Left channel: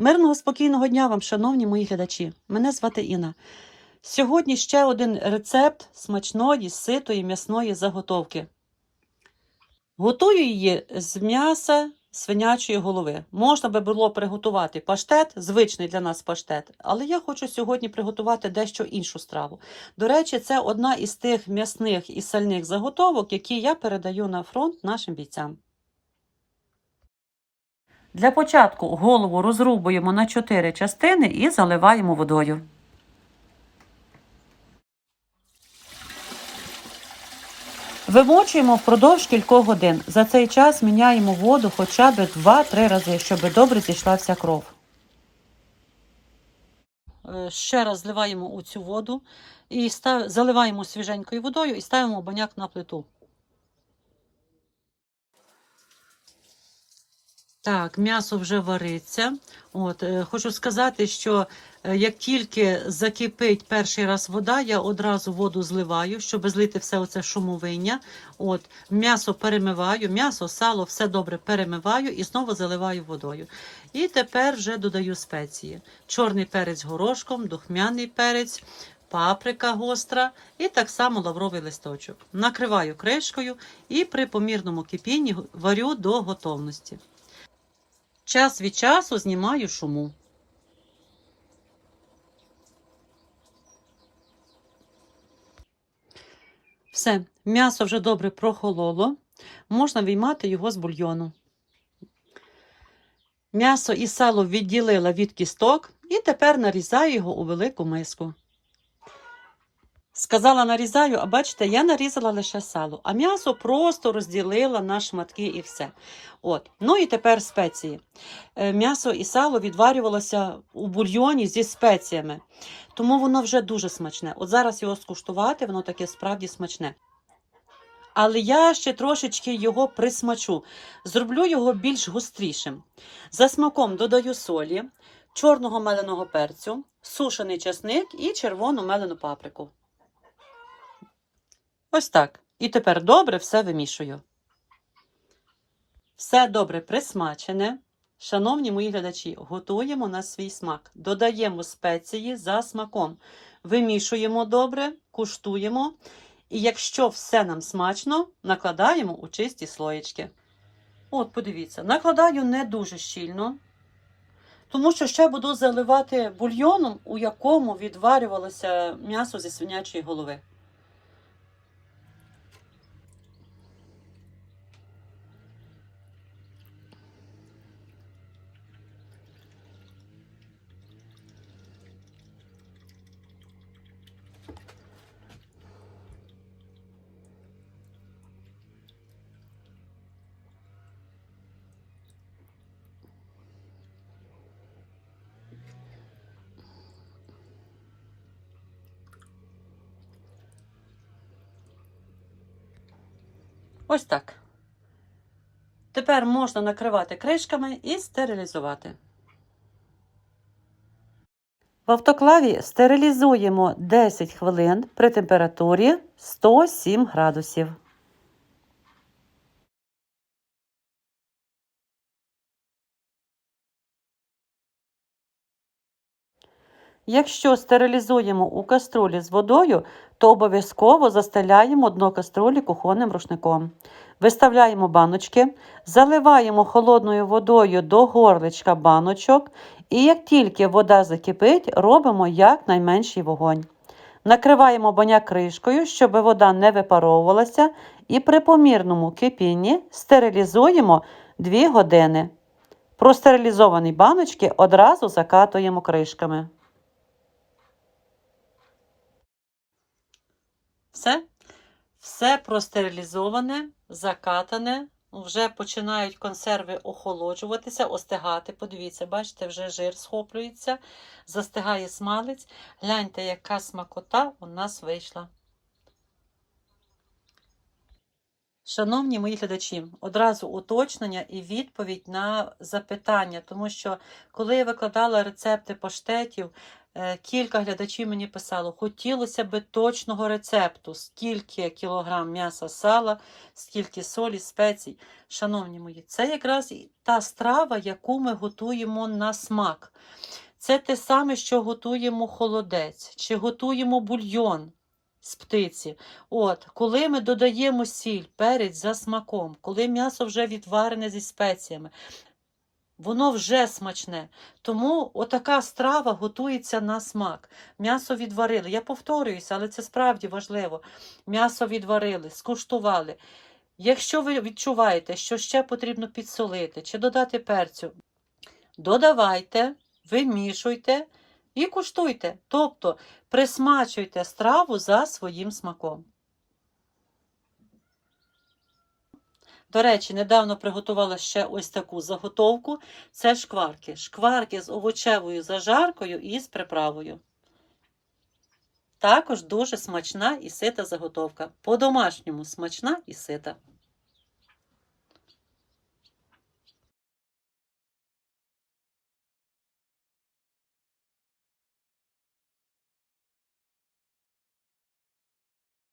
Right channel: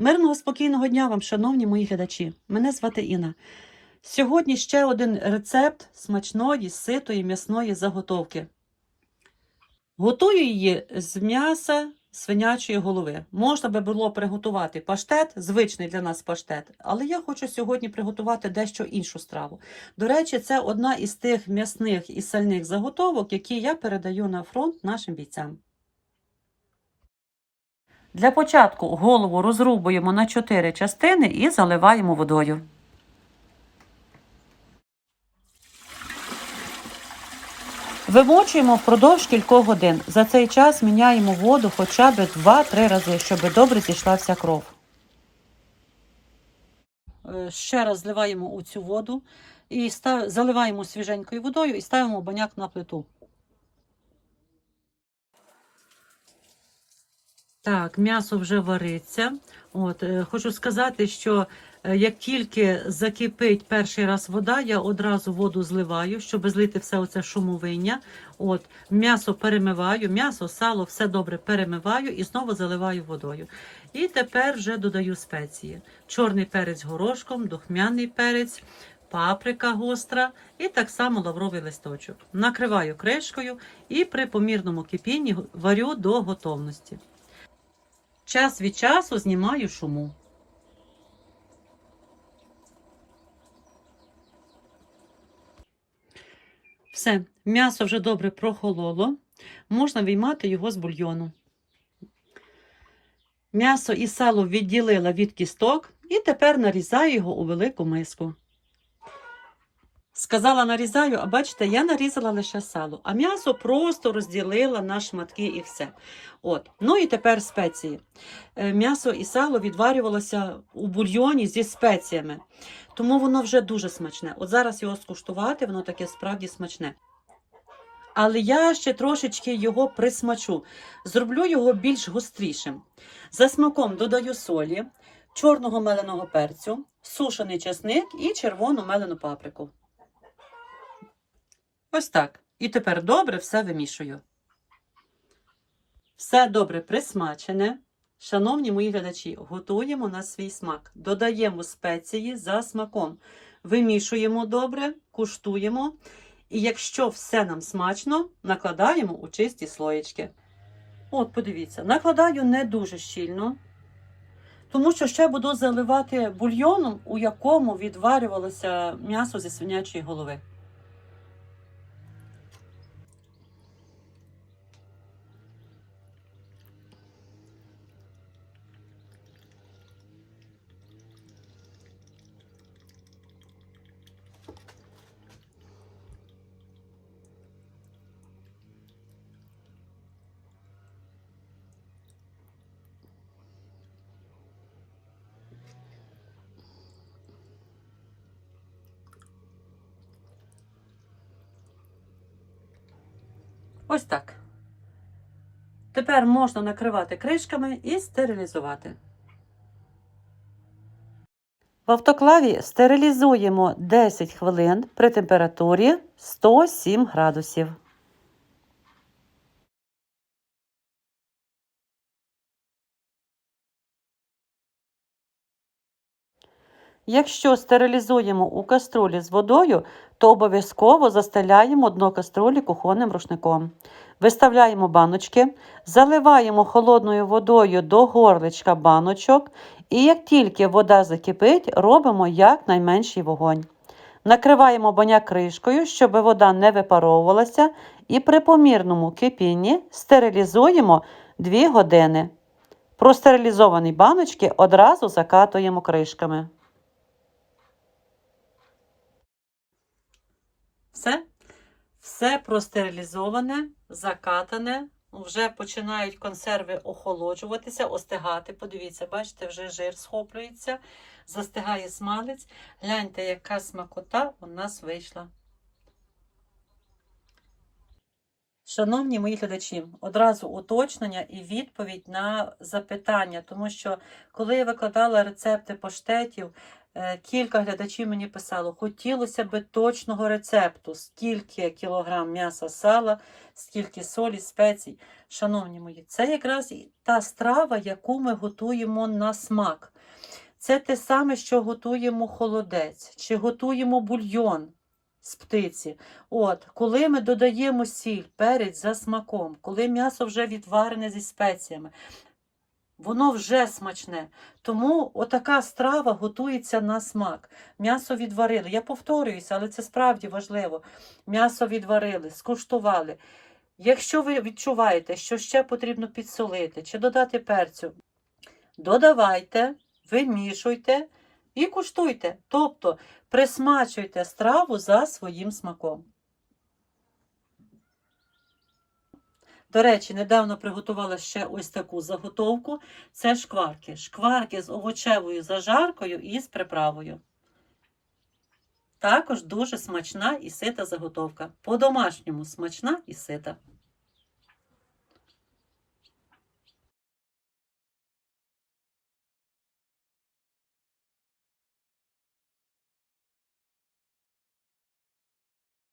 Мирного спокійного дня вам, шановні мої глядачі. Мене звати Інна. Сьогодні ще один рецепт смачної, ситої м'ясної заготовки. Готую її з м'яса свинячої голови. Можна би було приготувати паштет, звичний для нас паштет, але я хочу сьогодні приготувати дещо іншу страву. До речі, це одна із тих м'ясних і сальних заготовок, які я передаю на фронт нашим бійцям. Для початку голову розрубуємо на 4 частини і заливаємо водою. Вимочуємо впродовж кількох годин. За цей час міняємо воду хоча б 2-3 рази, щоб добре зійшла вся кров. Е, Ще раз зливаємо у цю воду і став... заливаємо свіженькою водою і ставимо баняк на плиту. Так, м'ясо вже вариться. От, е, хочу сказати, що е, як тільки закипить перший раз вода, я одразу воду зливаю, щоб злити все оце шумовиння. От, м'ясо перемиваю, м'ясо, сало, все добре перемиваю і знову заливаю водою. І тепер вже додаю спеції: чорний перець горошком, духмяний перець. Паприка гостра і так само лавровий листочок. Накриваю кришкою і при помірному кипінні варю до готовності. Час від часу знімаю шуму. Все, м'ясо вже добре прохололо. Можна виймати його з бульйону. М'ясо і сало відділила від кісток і тепер нарізаю його у велику миску. Сказала нарізаю, а бачите, я нарізала лише сало, а м'ясо просто розділила на шматки і все. От. Ну і тепер спеції. Е, М'ясо і сало відварювалося у бульйоні зі спеціями, тому воно вже дуже смачне. От зараз його скуштувати, воно таке справді смачне. Але я ще трошечки його присмачу. Зроблю його більш гострішим. За смаком додаю солі, чорного меленого перцю, сушений часник і червону мелену паприку. Ось так. І тепер добре все вимішую. Все добре присмачене. Шановні мої глядачі, готуємо на свій смак. Додаємо спеції за смаком. Вимішуємо добре, куштуємо. І якщо все нам смачно, накладаємо у чисті слоєчки. От, подивіться, накладаю не дуже щільно, тому що ще буду заливати бульйоном, у якому відварювалося м'ясо зі свинячої голови. Ось так. Тепер можна накривати кришками і стерилізувати. В автоклаві стерилізуємо 10 хвилин при температурі 107 градусів. Якщо стерилізуємо у каструлі з водою, то обов'язково застеляємо дно каструлі кухонним рушником. Виставляємо баночки, заливаємо холодною водою до горличка баночок, і як тільки вода закипить, робимо якнайменший вогонь. Накриваємо баняк кришкою, щоб вода не випаровувалася, і при помірному кипінні стерилізуємо 2 години. Простерилізовані баночки одразу закатуємо кришками. Все, все простерилізоване, закатане. Вже починають консерви охолоджуватися, остигати. Подивіться, бачите, вже жир схоплюється, застигає смалець. Гляньте, яка смакота у нас вийшла. Шановні мої глядачі, одразу уточнення і відповідь на запитання, тому що коли я викладала рецепти паштетів, е, кілька глядачів мені писало, хотілося би точного рецепту, скільки кілограм м'яса сала, скільки солі, спецій. Шановні мої, це якраз та страва, яку ми готуємо на смак. Це те саме, що готуємо холодець, чи готуємо бульйон з птиці. От, коли ми додаємо сіль, перець за смаком, коли м'ясо вже відварене зі спеціями, воно вже смачне. Тому отака страва готується на смак. М'ясо відварили. Я повторююся, але це справді важливо. М'ясо відварили, скуштували. Якщо ви відчуваєте, що ще потрібно підсолити чи додати перцю, додавайте, вимішуйте і куштуйте. Тобто присмачуйте страву за своїм смаком. До речі, недавно приготувала ще ось таку заготовку. Це шкварки. Шкварки з овочевою зажаркою і з приправою. Також дуже смачна і сита заготовка. По-домашньому смачна і сита.